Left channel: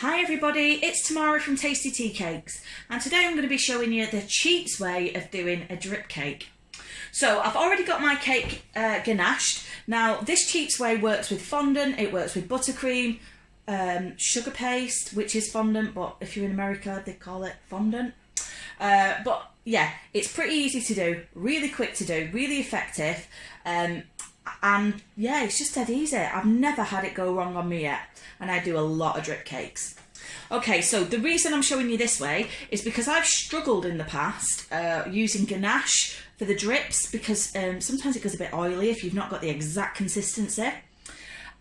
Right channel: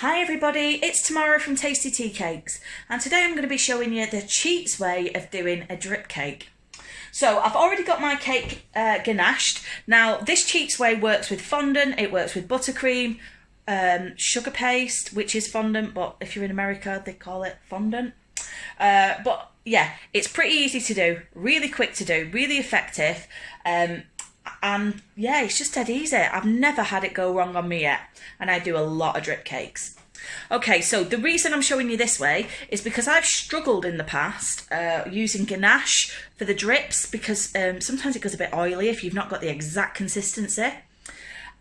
Hi everybody, it's Tamara from Tasty Tea Cakes, and today I'm going to be showing you the cheats way of doing a drip cake. So I've already got my cake ganached. Now this cheats way works with fondant, it works with buttercream, sugar paste, which is fondant, but if you're in America they call it fondant. But yeah, it's pretty easy to do, really quick to do, really effective, and yeah, it's just dead easy. I've never had it go wrong on me yet, and I do a lot of drip cakes. Okay, so the reason I'm showing you this way is because I've struggled in the past using ganache for the drips, because sometimes it goes a bit oily if you've not got the exact consistency.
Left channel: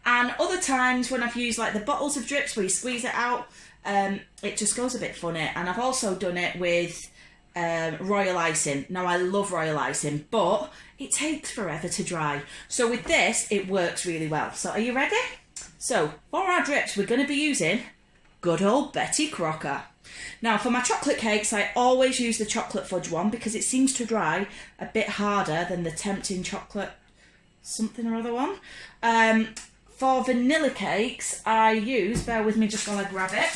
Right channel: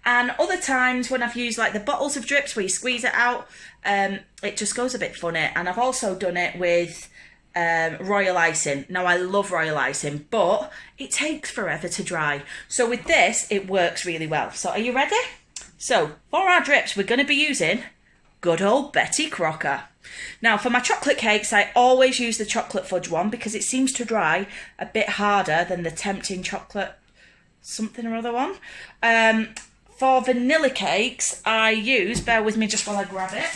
And other times when I've used like the bottles of drips where you squeeze it out, it just goes a bit funny. And I've also done it with royal icing. Now I love royal icing, but it takes forever to dry. So with this, it works really well. So are you ready? So for our drips, we're going to be using good old Betty Crocker. Now for my chocolate cakes, I always use the chocolate fudge one because it seems to dry a bit harder than the tempting chocolate something or other one. For vanilla cakes, I use, bear with me just while I grab it.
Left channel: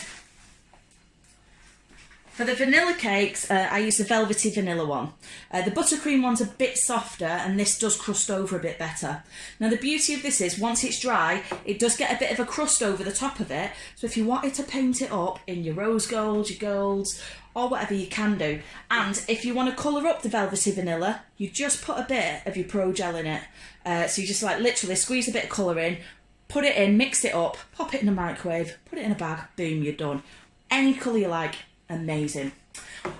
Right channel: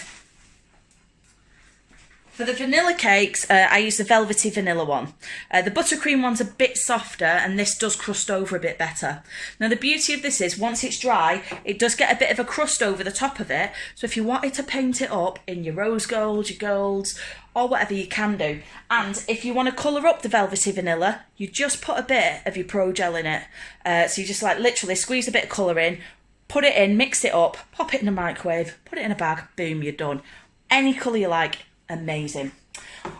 For the vanilla cakes, I use the velvety vanilla one. The buttercream one's a bit softer, and this does crust over a bit better. Now the beauty of this is, once it's dry, it does get a bit of a crust over the top of it, so if you wanted to paint it up in your rose gold, your golds, or whatever, you can do. And if you want to colour up the velvety vanilla, you just put a bit of your Pro Gel in it. So you just like literally squeeze a bit of colour in, put it in, mix it up, pop it in the microwave, put it in a bag, boom, you're done. Any colour you like. Amazing.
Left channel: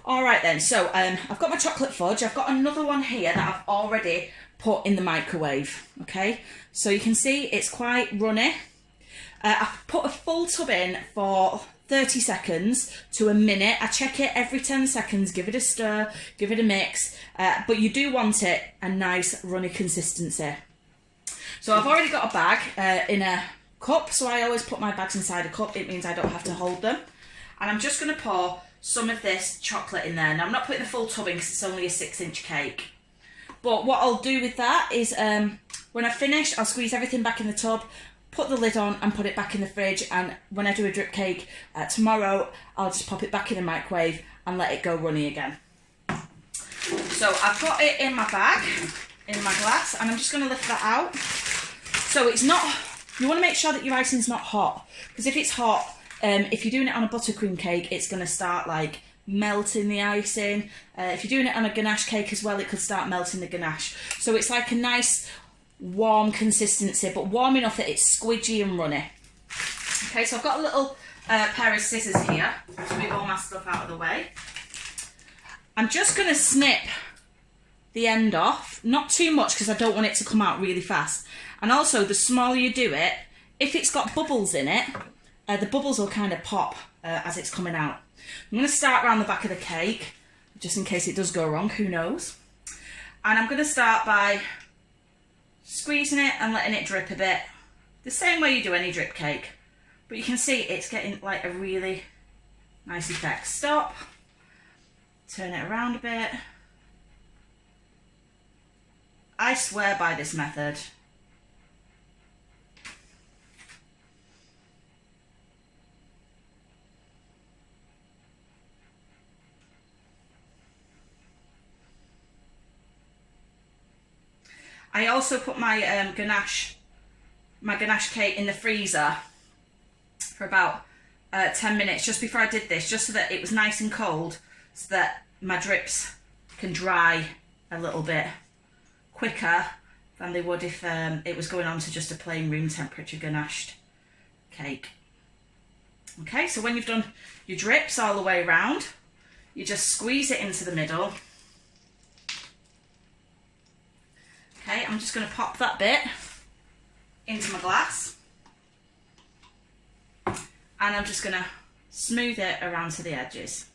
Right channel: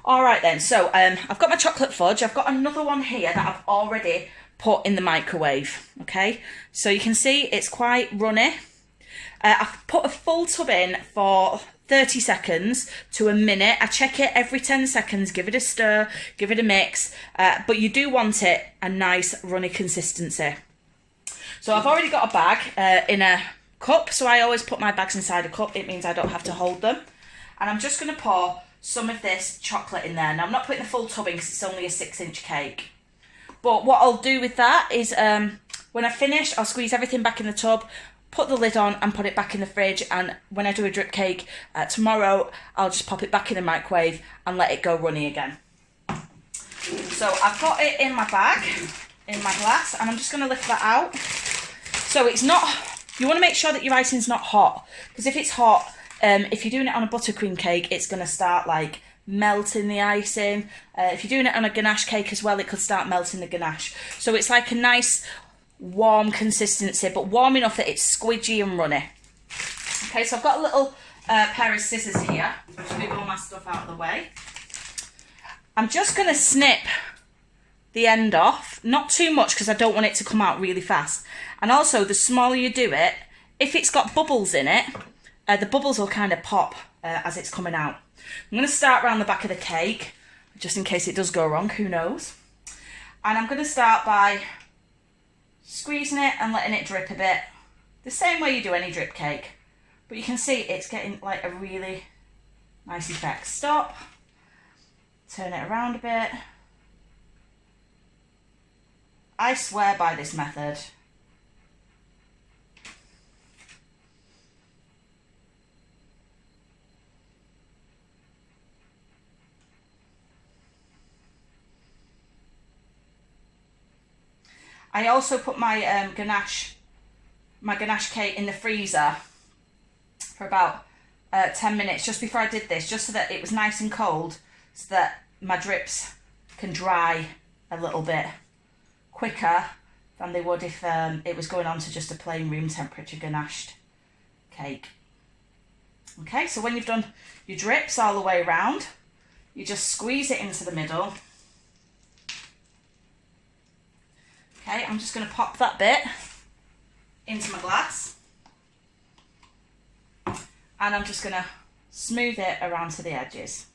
All right then, so I've got my chocolate fudge. I've got another one here that I've already put in the microwave. Okay, so you can see it's quite runny. I've put a full tub in for 30 seconds to a minute. I check it every 10 seconds, give it a stir, give it a mix, but you do want it a nice runny consistency. So I've already got a bag in a cup, so I always put my bags inside a cup. It means I don't have to hold them. And I'm just going to pour some of this chocolate in there. Now I'm not putting the full tub in because it's only a 6-inch cake. But what I'll do with that is when I've finished, I'll squeeze everything back in the tub, put the lid on and put it back in the fridge. And when I do a drip cake tomorrow, I'll just pop it back in the microwave and let it go runny again. So I've got it in my bag, in my glass, and I'm just going to lift that out. So it's not, you want to make sure that your icing's not hot, because if it's hot, if you're doing it on a buttercream cake, it's going to start like melting the icing. If you're doing it on a ganache cake as well, it could start melting the ganache. So it's like a nice warm consistency, but warm enough that it's squidgy and runny. Okay, so I've got a little pair of scissors here to move all my stuff out of the way. I'm just going to snip the end off, not too much because I don't want it to come out really fast. And also, the smaller you do it, if it's got bubbles in it, the bubbles will kind of pop as it's coming out. I'm going to start around the back of the cake, just in case it does go wrong, who knows. And I'm going to start by squeezing it and letting it drip a bit, the same way you do any drip cake. But you can see it's getting like a really nice effect. Stop, turn it around a bit. I swear by this method. I also put my ganache cake in the freezer for about 10 minutes just before I did this, just so that it was nice and cold, so that my drips can dry a little bit quicker than they would if it was going on to just a plain room temperature ganached cake. Okay, so when you've done your drips all the way around, you just squeeze it into the middle. Okay, I'm just going to pop that bit into my glass, and I'm just going to smooth it around to the edges.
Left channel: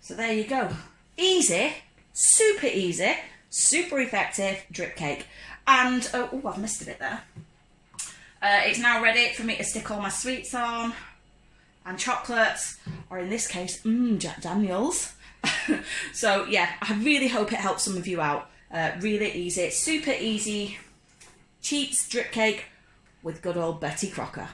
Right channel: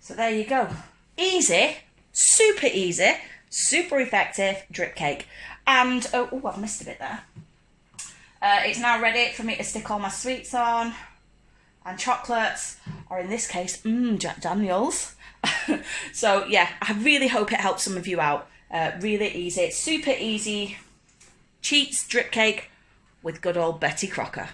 So there you go. Easy, super effective drip cake. And, oh, I've missed a bit there. It's now ready for me to stick all my sweets on and chocolates, or in this case, Jack Daniels. So yeah, I really hope it helps some of you out. Really easy, super easy cheats drip cake with good old Betty Crocker.